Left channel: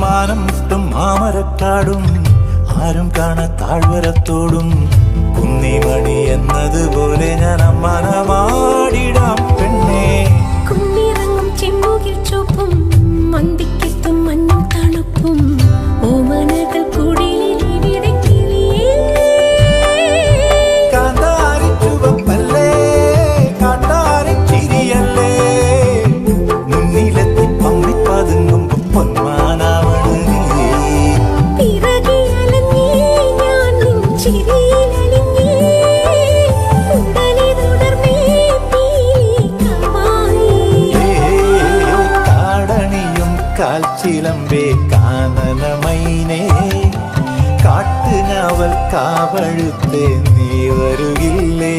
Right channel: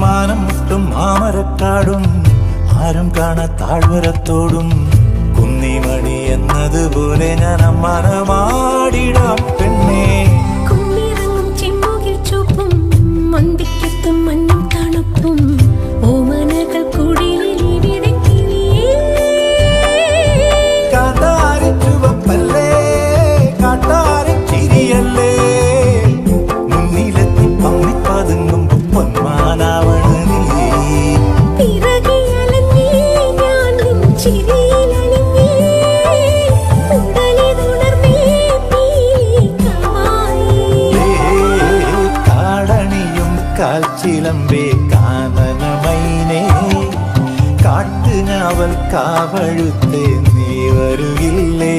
മാനം മുട്ടും മാമരക്കാടും ആരും കാണാ താഴ്വരത്തോടും കുന്നിമണി എന്നതുപോലെ ഞാൻ അമ്മാനമാടിടാം പെണ്ണേ. കുന്നിറങ്ങും ചെമ്മുകിൽ ചുവപ്പും മന്തിക്കെത്തും മഞ്ഞും തണുപ്പും ഓമനകൾ കുടിലിൽ വിതക്കിളിയേ. കാന്താരി ചുവപ്പല്ലേ കാട്ടാരി ചിരിയല്ലേ മുന്നിലെത്തി പമ്മിപ്പതുങ്ങുമ്പോ പൊന്മാനാവണ് നീ. പിറകെ അലഞ്ഞേ ഞാൻ നിൻ ചിരിയിലലിഞ്ഞേ ഉടലിതുണർന്നേ പീലിക്കാവായി. കാടണിയും കാൽച്ചിലമ്പേ കാനനമൈനേ കാട്ടുഞാവൽ കാവഴുത്തേ നീ വരുകില്ലേ.